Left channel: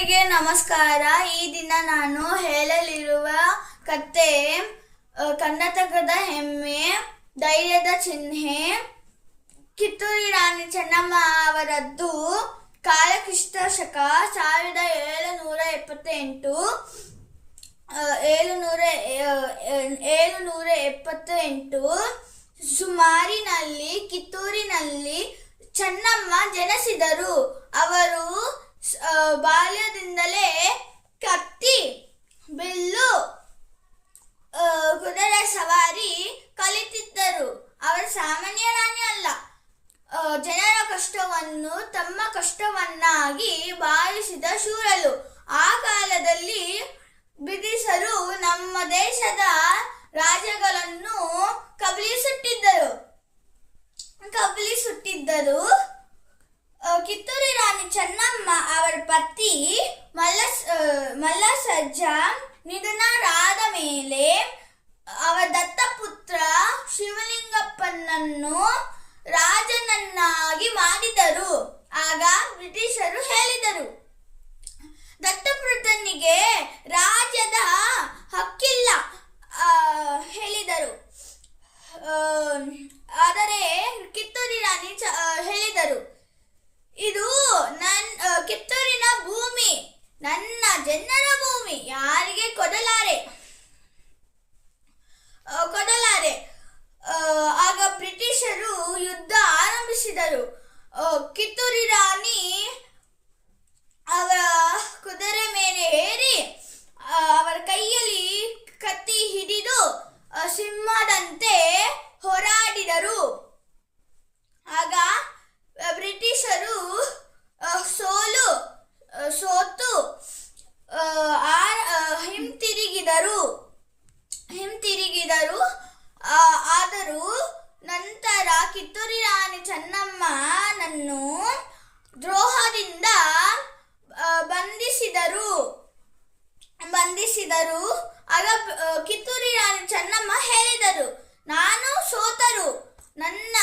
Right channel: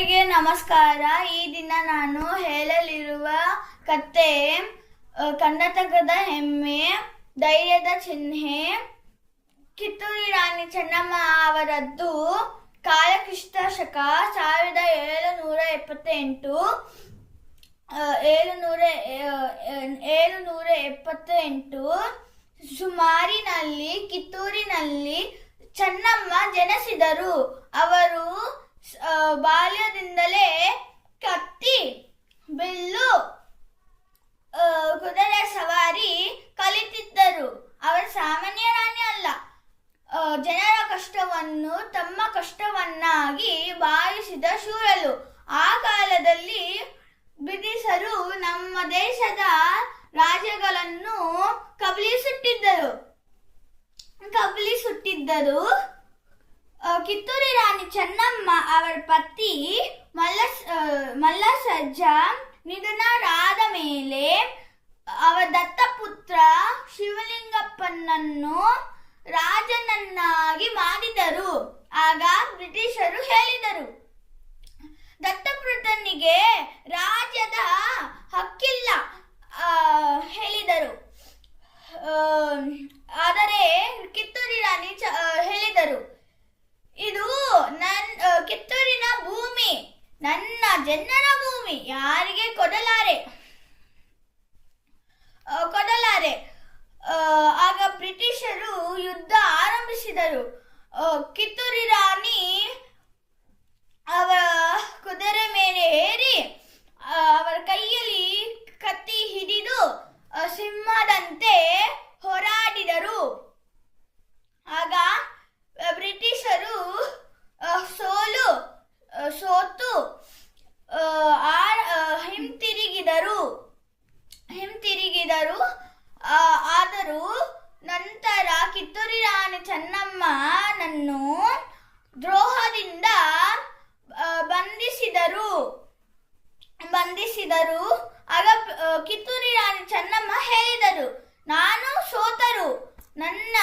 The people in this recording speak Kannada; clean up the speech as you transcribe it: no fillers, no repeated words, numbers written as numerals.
ಎಲ್ಲರಿಗೆ ನಮಸ್ಕಾರ. ಈ ದಿನ ನಾನು ಹೇಳಲಿರುವ ಕತೆ ಕರ್ನಾಟಕದ ಹೆಮ್ಮೆ, ಧೈರ್ಯದ ಚಿಹ್ನೆ, ಕಿತ್ತೂರು ರಾಣಿ ಚೆನ್ನಮ್ಮ ಅವರದ್ದು. ಕಾಲ ಕ್ರಿಸ್ತ ಶಕ 1778 ಸುಮಾರಿನಲ್ಲಿ ಕಿತ್ತೂರಿನಲ್ಲಿ ಚೆನ್ನಮ್ಮ ಜನಿಸಿದರು. ಅವರು ಬಾಲ್ಯದಿಂದಲೇ ಕತ್ತಿ, ಬಿಲ್ಲು, ಕುದುರೆ ಸವಾರಿ ಕಲಿತಿದ್ದರು. ಅವರು ಸಾಮಾನ್ಯ ರಾಣಿ ಅಲ್ಲ, ಜನರ ಕಷ್ಟವನ್ನು ತಮ್ಮ ಕಷ್ಟವನ್ನಾಗಿ ಭಾವಿಸಿದ ಶೂರರು. ಆ ಕಾಲದಲ್ಲಿ ಬ್ರಿಟಿಷರು ನಮ್ಮ ದೇಶದ ರಾಜ್ಯಗಳನ್ನು ಕಬಳಿಸುತ್ತಿದ್ದರು. ಕಿತ್ತೂರು ರಾಣಿ ಚೆನ್ನಮ್ಮ ಅವರ ಪತಿ ಮಲ್ಲಸಜ್ಜ ನಿಧನರಾದ ಮೇಲೆ ಅವರ ದತ್ತಪುತ್ರ ಶಿವಲಿಂಗಪ್ಪನನ್ನು ರಾಜನನ್ನಾಗಿ ಮಾಡಿದರು. ಆಗ ಬ್ರಿಟಿಷರು ಹೇಳಿದರು, ದತ್ತಪುತ್ರನಿಗೆ ರಾಜ್ಯದ ಹಕ್ಕಿಲ್ಲ ಹೇಳಿದರು. ಆದರೆ ಕಿತ್ತೂರು ರಾಣಿ ಹೇಳಿದರು, ಇದು ಕಿತ್ತೂರಿನ ಭೂಮಿ, ನನ್ನ ಜನರ ಭೂಮಿ, ಯಾರಿಗೆ ಕೊಡಲಾರೆ. ಆಗ ಬ್ರಿಟಿಷರು ಯುದ್ಧ ಆರಂಭಿಸಿದರು. ಕಿತ್ತೂರು ರಾಣಿ ಅವರ ಕುದುರೆ ಮೇಲೆ ಏರಿ ಅವರ ಕೈಯಲ್ಲಿ ಕತ್ತಿ ಹಿಡಿದು ಸಿಂಹದಂತೆ ಹೋರಾಡಿದರು. ಆಗ ಬ್ರಿಟಿಷರು ಸೋತು ಹಿಂತಿರುಗಿದರು. ಆದರೂ ನಂತರ ಕಿತ್ತೂರು ರಾಣಿ ಚೆನ್ನಮ್ಮನನ್ನು ದ್ರೋಹದಿಂದ ಬಂಧಿಸಿದರು. ಆಗ ಕಿತ್ತೂರು ರಾಣಿ ಚೆನ್ನಮ್ಮ ಹೇಳಿದರು, ನಾನು ಸೋತರು, ನನ್ನ